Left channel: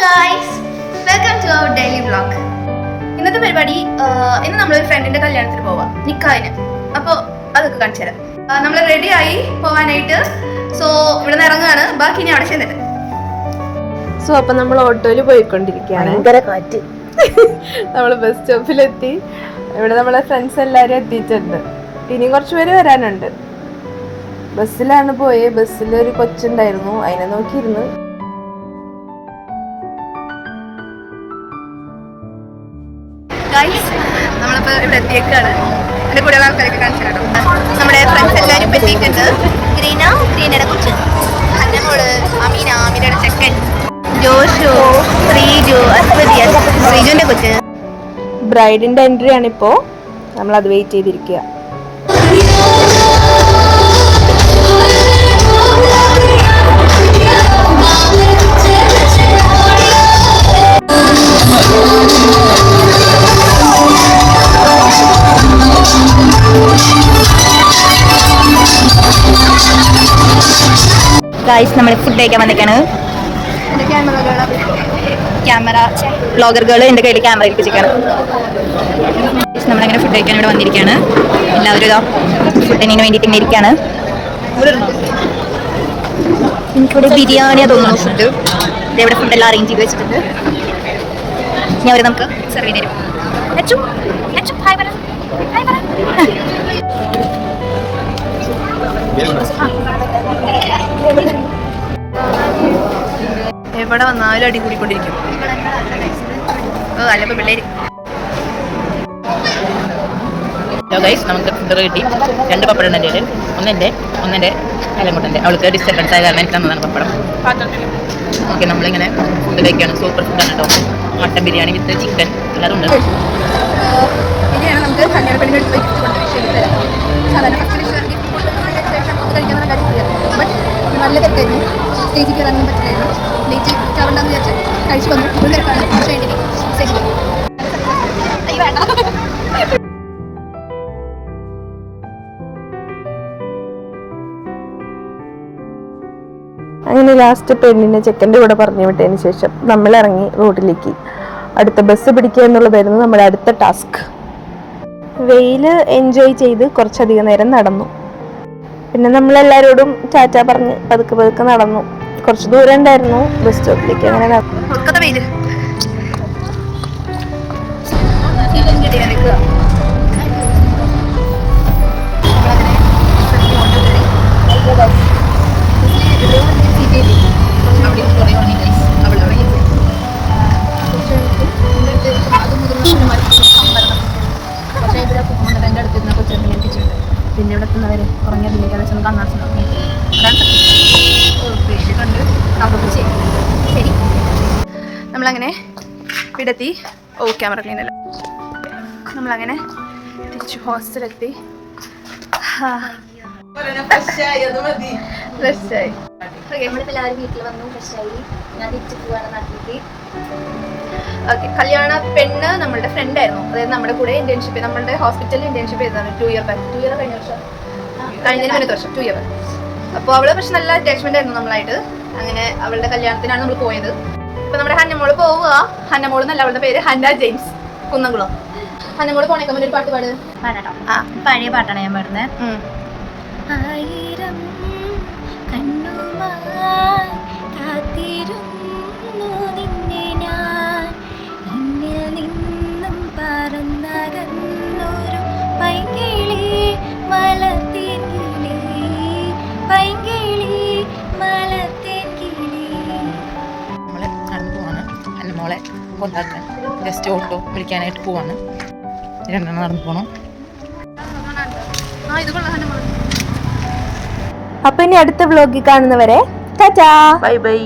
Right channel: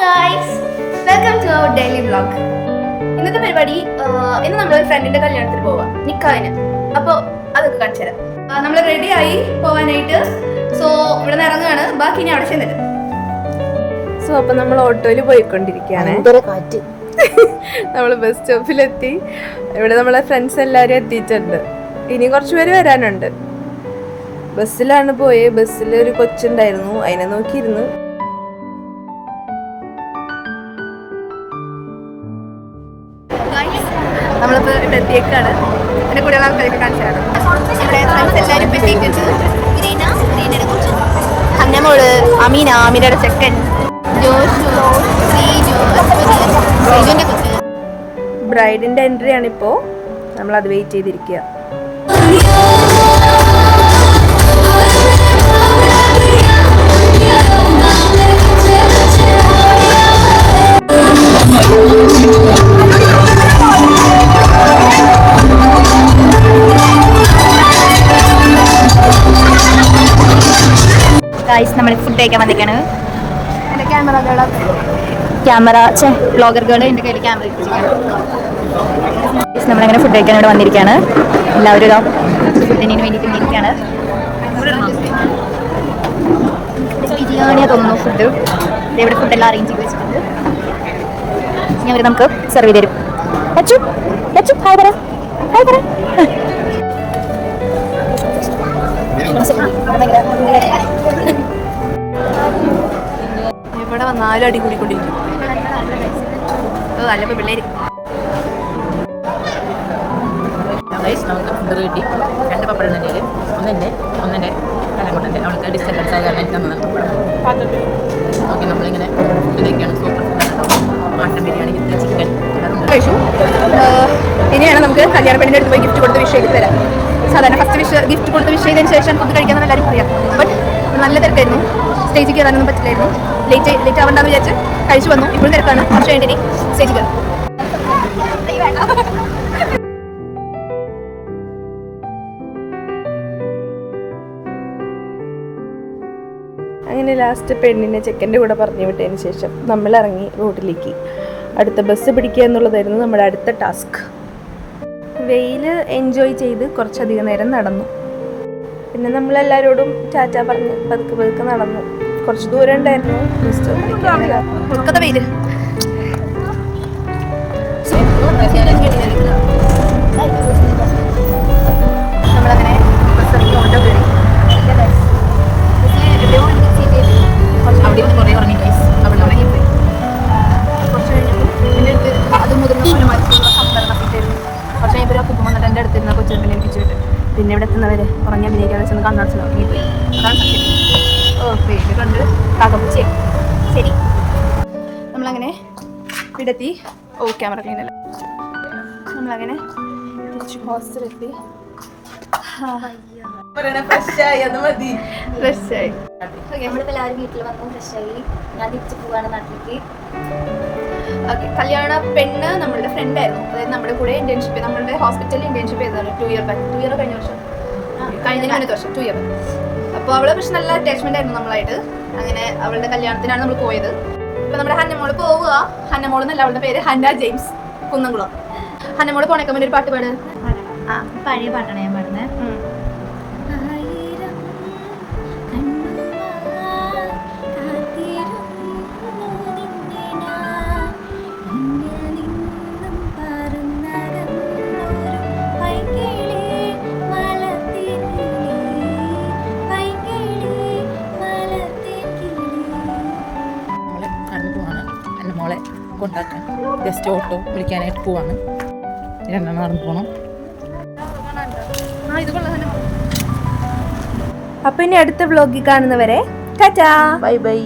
Guys, welcome to our daily vlog. ഇന്നത്തെ പരിപാടി ഇന്ന് നമ്മളൊരു ഫ്രണ്ടിന്റെ കല്യാണത്തിന് പോവാം, നിക്കാഹിന്. അപ്പോൾ അതൊക്കെ കാണിച്ചു തരാം. നമ്മൾ റെഡി ആയി പോവാനായിട്ട്. സോ ഇവിടെ നിന്ന് ഇറങ്ങുകയാണ്. ബാക്കി ഇനി അവിടെ ചെന്നിട്ട്. സോ അപ്പം നമ്മൾ ഓട്ടോയിൽ പോയിക്കൊണ്ടിരിക്കുകയാണ്. കാറ്റ്. നമ്മൾ ബസ് സ്റ്റോപ്പിലെത്തി. ഇവിടെ നമ്മളെ ഫ്രണ്ട്സ് എല്ലാവരും എത്തിയിട്ടുണ്ട്. ഇനിയും കുറച്ച് പേര് വരാനുണ്ട്. ബസ്സിലാണ് പോയത്. ബസ്സിൽ ഒരു കൊച്ചുണ്ടായിരുന്നു, അതിനെ നോക്കിയിരുന്നു. നമ്മളിപ്പോൾ ഇവിടെ എത്തിയേക്കാണ്. എൻ്റെ കൂടെയുള്ള ആൾക്കാരൊക്കെ കാണിച്ചു കേട്ടോ. നമ്മുടെ ഫ്രണ്ട്സ് എല്ലാവരും എത്തിയിട്ടുണ്ട്. ഗ്രീനയുടെ കൊച്ച്, അന്നമോള്, അമീനയുടെ ചെക്കൻ, ജോഷു, ശ്രീജു, അസ്വദിയൻ, ശ്രീജുവിൻ്റെ കൊച്ച്. ബ്രൈഡിൻ്റെ എൻട്രി ആണിപ്പോൾ. നമ്മളത് വെയിറ്റ് ചെയ്തിരിക്കുക. ഗൈസ്, നമ്മൾ ഫുഡ് കഴിക്കാൻ വന്നേക്കാണ്. ക്യാമറ വ്ളോഗറുകൾ എൻ്റെ കയ്യിൽ ക്യാമറ ഏൽപ്പിച്ചിരിക്കുകയാണ്. നമ്മളങ്ങനെ ഫുഡ് കഴിക്കാൻ ഇവിടെ വന്നിരിക്കുകയാണ്. എല്ലാവരും ഇതാ ഫുഡിന് വേണ്ടിയിട്ട് ഇങ്ങനെ ഇരിക്കുകയാണ്. എനിക്കിവിടെ ബിരിയാണിയാണ് തോന്നുന്നു ഫുഡ്. ഇവിടെ ഫുഡെല്ലാം അറേഞ്ച് ചെയ്ത് വെച്ചിട്ടുണ്ട്. ഇനി അവർ നമുക്ക് സെർവ് ചെയ്ത് തരും. ഹായ് പറ, ഹായ് പറ. എവിടെ വന്നാലും അടി കൂടിക്കൊണ്ടിരിക്കും. നല്ല പിള്ളേര്. നമുക്ക് ഫുഡ് കിട്ടി. 2 പപ്പടം എൻ്റെ കയ്യിൽ. ഒന്നെൻ്റെ എലമുട്ടൻ്റെ. അവൾക്ക് ഡിസ്റ്റർബൻസ് ആയ കാരണം എനിക്ക് തന്നതാണ് പപ്പടം. ഓക്കെ, നമ്മളിങ്ങനെ ഫുഡ് കഴിക്കുകയാണ്. സൂപ്പർ ഫുഡാണ് കേട്ടോ. മട്ടൻ ബിരിയാണി വിത്ത് ചിക്കൻ എല്ലാതും ഉണ്ട്. ഇനിയാണ് നമുക്ക് കല്യാണ പെണ്ണിൻ്റെ അടുത്ത് പോയി ഗിഫ്റ്റ് കൊടുത്ത് വിഷ് ചെയ്ത് തരാം. സാധാരണ ഫസ്റ്റ് ഗിഫ്റ്റ് കൊടുത്ത് വിഷ് ചെയ്തതിന് ശേഷം അത് കഴിക്കാമെന്ന് എല്ലാവരും പറയാം. ബട്ട് നല്ല തിരക്കായിരുന്നു. സ്റ്റേജിൽ കയറാനൊന്നും പറ്റില്ലായിരുന്നു. ലേറ്റ് ആവണ്ടെന്ന് വിചാരിച്ച് കഴിച്ചു വന്നു. ഇപ്പോൾ തിരക്കാണ്. പക്ഷേ എൻ്റെ സ്റ്റേജിൽ കയറും. അങ്ങനെ ലാസ്റ്റ് പെണ്ണിനെ ചെക്കൻ്റെ കൂടെ പറഞ്ഞു വിട്ടതിന് ശേഷം നമ്മൾ ഇറങ്ങി റോഡിലേക്ക്. അടുത്ത ബസ് പിടിക്കുക എന്നുള്ളതായിരുന്നു നമ്മുടെ അടുത്ത ടാസ്ക്. വെയിൽ എൻജോയ് ചെയ്ത് കുറച്ചധികം നേരം നടന്നു. പിന്നെ നമ്മളെല്ലാവരോടും ടാറ്റ പറഞ്ഞ് പതുക്കെ നടന്നു. കുറച്ച് ദൂരം ഉണ്ടായിരുന്നു ബസ് സ്റ്റോപ്പിലേക്ക്. അങ്ങനെ നമ്മളങ്ങനെ ഓട്ടോ കയറി. പിന്നെ ഇവിടെ എത്തുന്നവരെ ഉറങ്ങി അഭിനയിക്കാതെ ചെന്ന് കണ്ണാട് ഉറങ്ങിപ്പോയി. അതാണ് സത്യം. ഓക്കെ, ഇത് കണ്ട് കാക്കപ്പൂച്ചേ. ശരി, നമ്മളങ്ങനെ ഇവിടെത്തി. ക്യാമറ ക്ലീൻ അല്ല. നമ്മളങ്ങനെ തിരിച്ചു ഹോസ്റ്റലെത്തി. ഫ്രഷായി. നമ്മളിപ്പോൾ എല്ലാവരും വീട്ടിൽ വന്നു, ഫ്രഷായി. ഞാൻ തിരിച്ചു പോവാണ് നാട്ടിലേക്ക്. ഓക്കെ, കല്യാണ പെണ്ണ് നമ്മളുടെ ഫ്രണ്ട് ആയിരുന്നു. അതായത് നമ്മുടെ കൂടെ ഇന്റേൺഷിപ്പ്, നമ്മളുടെ ഹോസ്പിറ്റലിൽ ഇന്റേൺഷിപ്പ് ചെയ്തതാണ് 2 ഇയർ ബാക്ക്. 2 ഇയർ കഴിഞ്ഞ വർഷം, കഴിഞ്ഞതിന് മുന്നത്തെ വർഷം 2 ഇയർ. അപ്പോൾ അവള് പക്ഷെ നല്ല അറ്റാച്ച്മെന്റ് ആയിരുന്നു നമ്മളായിട്ട്. അങ്ങനെ അവളുടെ കല്യാണത്തിനാണ് നമ്മൾ പോയത്. ഇപ്പൊ നമ്മുടെ ഹന്നമോള് പോവുക. ഹന്നമോൾ എന്നല്ല, അവളുടെ പേര് ഹന്ന ജെയിംസ്, കുന്നംകുളം. ഹന്നമോള് പോണേക്കാൻ വേണ്ടി ഒരു പാട്ട് പാട്. പാടട്ടോ. പഴയ പാട്ടാണ് ഞാൻ പാടുന്നത്. മോളെ കൊണ്ടാക്കാൻ ജസ്റ്റ് ഓട്ടോ വിളിക്കാനായിട്ട് പോവാണ്. 2 നടന്നു പോകണം. അപ്പൊ ഇനി അടുത്ത വ്ലോഗിൽ കാണുന്നവരെ ടാറ്റാ, ബൈ ബൈ.